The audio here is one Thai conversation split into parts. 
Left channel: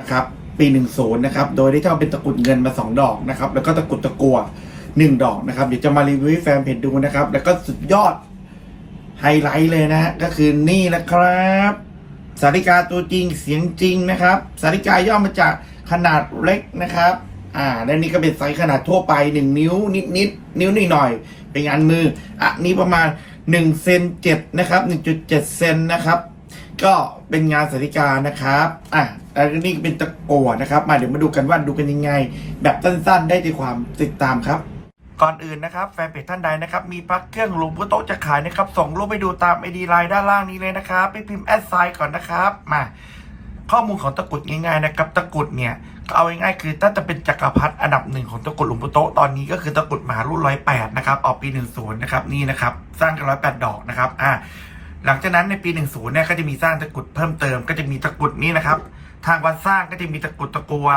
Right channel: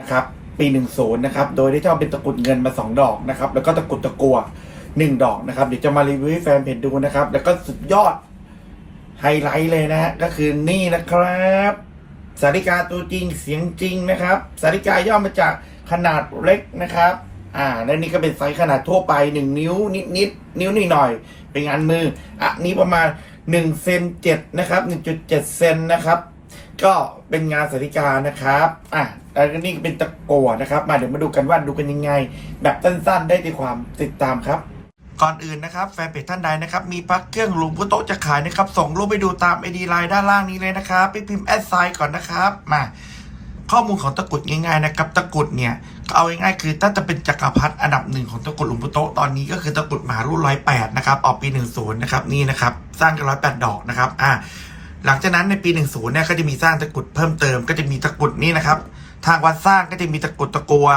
นะครับปีหนึ่งศูนย์นะครับโดยได้เจ้าเป็นตะกรุดเงินมาสองดอกนะครับแล้วก็ตะกรุดตะกัวหนึ่งดอกนะครับเดี๋ยวจะมารีวิวให้แฟนเพจดูนะครับแล้วก็สุดยอดไฮไลท์เลยนะฮะก็คือนี่นะครับสาริกาตัวจริงเสียงจริงนะครับสาริกาย่อมาจากขนาดเล็กนะครับอ่าและนี่ก็เป็นไซส์ขนาดทั่วไปหนึ่งนิ้วนิดนิดนิ้วนิดหน่อยเป็นงานมืออะนี้ประมาณหนึ่งเซนเจ็ดนะครับหนึ่งจุดเจ็ดเซนนะครับ ก็เป็นงานสาริกานะครับอะแล้วก็นี่เป็นตะกัวนะครับ มาเดี๋ยวมาดูกันว่าดูกันยังไง แบบสั้นๆ ได้ในความติดตามครับก่อนอื่นนะครับแฟนเพจท่านใดนะครับมีพักเครื่องหลุมพุโต๊ะจะขายนะครับส่งรูปไปดูตามไอดีไลน์ด้านล่างนี้เลยนะครับไปพิมพ์แอดไซน์ก่อนนะครับมาข้อมูลของตะกุดง่ายๆนะครับตะกุดเนี่ยก็เอาง่ายๆคือถ้าจะเป็นจักรพรรดิอันดับหนึ่งของตะกุดหลวงปู่โตตอนนี้ก็คือตะกุดมหารุ่นร้อยแปดนะครับออกปีหนึ่งศูนย์นะครับนี่นะครับสร้างกันร้อยแปดดอกนะครับอ่า หลังจากนั้นในปีหนึ่งศูนย์เนี่ยก็จะมีสร้างตะกุดเพิ่มเติมก็จะมีตะกุดนี้นะครับ ทางวัดสร้างก็จะมีตะกุดตะกัว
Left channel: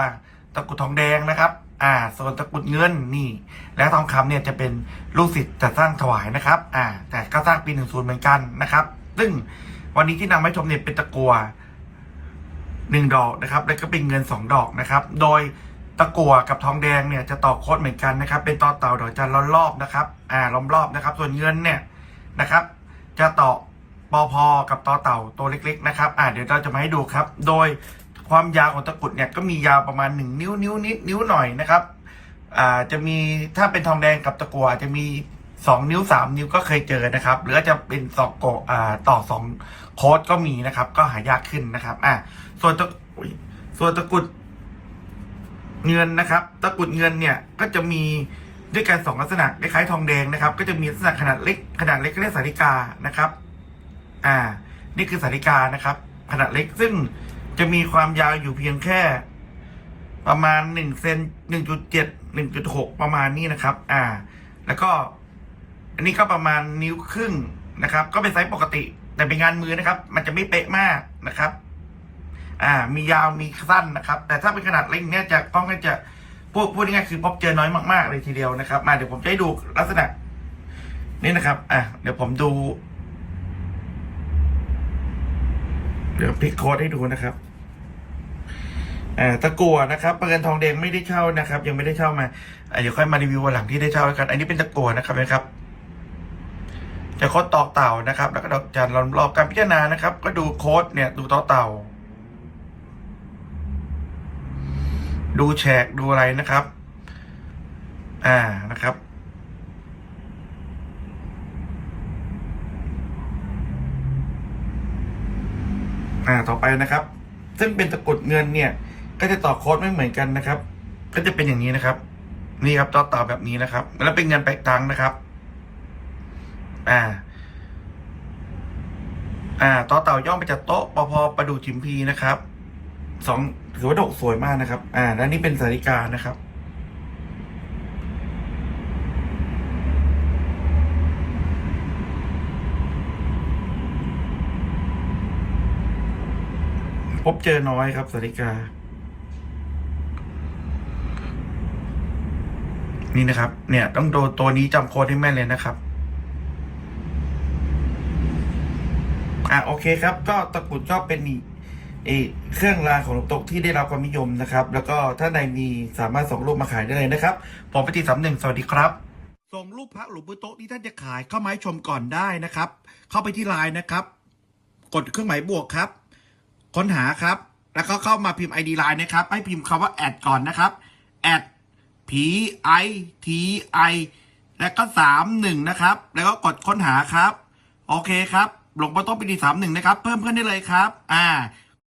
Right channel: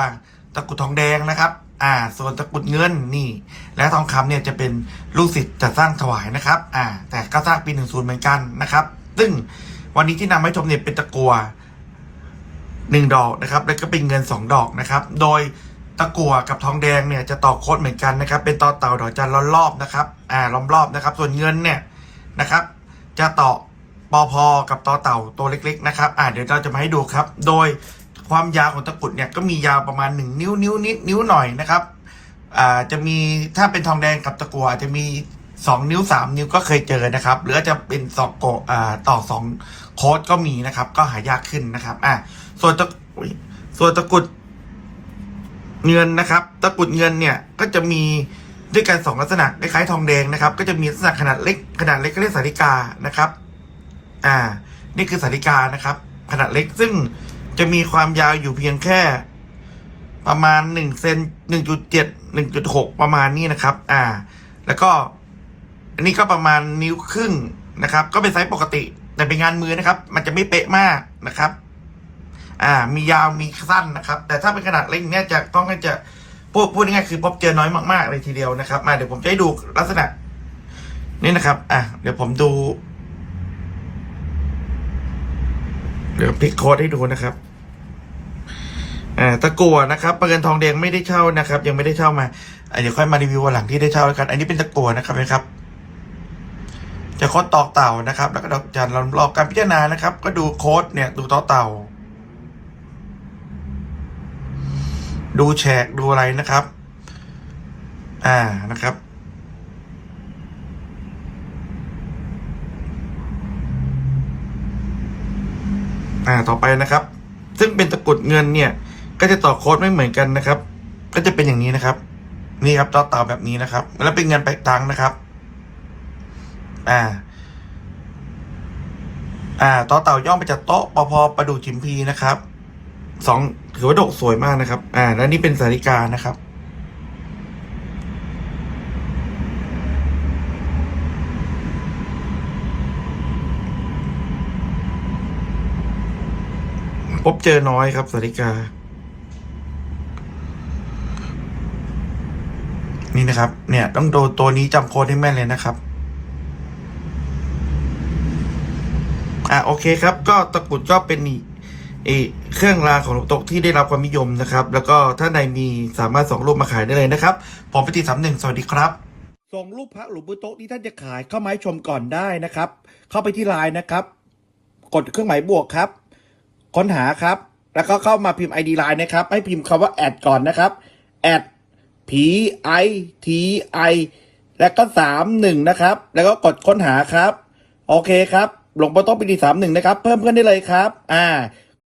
ตะกุดทองแดงนะครับ อ่า ส่วนตะกุดเงินนี่ และทองคำเนี่ยจะเป็นลูกศิษย์จะสร้างถวายนะครับ อ่า แต่ก็สร้างปีหนึ่งศูนย์เหมือนกันนะครับ ซึ่งวันนี้ที่นำมาให้ชมเนี่ยเป็นตะกัวหนึ่งดอกนะครับ แล้วก็เป็นเงินสองดอกนะครับ โดยตะกัวกับทองแดงเนี่ยจะต่อโค้ดเหมือนกันนะครับ เป็นต่อเต่าดอกจันล้อมรอบนะครับ อ่าล้อมรอบนะครับ ส่วนเงินเนี่ยนะครับ จะต่อ ปอพอกับต่อเต่าตัวเล็ก ๆ นะครับอ่าเดี๋ยวเราจะมาให้ดูครับ โดยความยาวของตะกรุดเนี่ยก็มียาวประมาณหนึ่งนิ้วนิ้วนิดนิ้วหน่อยนะครับอ่าจะมีถ้าเป็นทองแดงกับตะกัวอาจจะมีสองนิ้วสามนิ้วก็เคยเจอนะครับ หรือจะเป็นสองโกอ่าต่อสองโค้ดก็มีนะครับ ก็หายากขึ้นนะครับอ่าส่วนตะส่วนตะกรุดเงินนะครับ ตะกรุดเงินเนี่ยก็จะมีด้วยกันสองลักษณะคล้ายทองแดงนะครับ ก็จะมีลักษณะขนาดเล็กขนาดเล็กก็เรียกสาริกานะครับ อ่า นี่คือสาริกานะครับ ขนาดเล็กซึ่งจะมีความยาวอยู่เพียงแค่ ประมาณหนึ่งเซนหนึ่งจุดเจ็ดหนึ่งจุดหกประมาณนี้นะครับ อ่า แล้วก็ อันนี้ก็ประมาณนิ้วครึ่งนะครับ ก็เป็นไซส์ปกติ แต่เป็นงานมือนะครับ มันจะไม่เป๊ะมากนะครับ อ่า มียาวมีสั้นนะครับ แต่ถ้าเป็นขนาดเล็กเนี่ยจะต้องจะพูดพูดง่ายๆคือพบเจอน้อยมากๆเลยทีเดียวนะครับ มาเดี๋ยวผมจะให้ดูลักษณะนี่นะครับ อะ เดี๋ยวผมดู เดี๋ยวพลิกโค้ดให้ดูนะครับตะกัวนะครับประกันทองแดงไม่ได้เช่านะครับ ยังไม่ได้เช่ามาเดี๋ยวค่อยมารีวิววันหลังที่ได้เช่าแล้วกัน อันนี้เป็นตะกัวนะครับนะครับ จะโค้ดตอกเต่านะครับ แล้วก็ดอกจันเรารอการพิจารณานะครับ ก็ดูโค้ดเนี่ย ดูตอเต่า ดูแฉกดูอะไรนะครับ อ่านะครับ อ่าต่อไปนะครับ ซึ่งเป็นตะกรุดเงินเนี่ย ก็จะต่อโค้ดไม่เหมือนกันนะครับ ก็จะเป็นอย่างนี้นะครับ นี่ครับต่อเต่าแบบนี้นะครับ แล้วเป็นเงินไปตังนะครับ อ่า อ่าต่อเต่าย่อมาจากโต๊ะปพประดูจิมพีนะครับสองถือว่าโดกสวยมากนะครับ อ่า แล้วนี่เป็นสาริกานะครับ พบเจอน้อยครับสาริกา นี่นะครับ เนี่ย ต้องโดนตัวนี้จำโค้ดให้แม่นเลยนะครับ อะโอเคครับ ก็ตะกุดก็เป็นอีกเอเครื่องรางของตกที่ได้รับความนิยมนะครับ แล้วก็ถ้าใดมีสามารถส่งรูปมาขายได้เลยนะครับ ผมไปตีสามหนึ่งสวัสดีครับส่งรูปพระหลวงปู่โต๊ะที่ท่านจะขายเข้ามาให้ชมก่อนได้นะครับ เข้าไปที่ไลน์นะครับ กดเครื่องหมายบวกครับ ค้นหาครับ แล้วก็เข้ามาพิมพ์ ID ไลน์นะครับ ให้พิมพ์คำว่าแอดก่อนนะครับแอด P I T I แล้วก็สามหนึ่งนะครับ แล้วก็กดค้นหาครับ โอเคครับ หลงพ่อโต๊ะปีดีสามหนึ่งนะครับ เพิ่มเพื่อนได้เลยครับ อ่า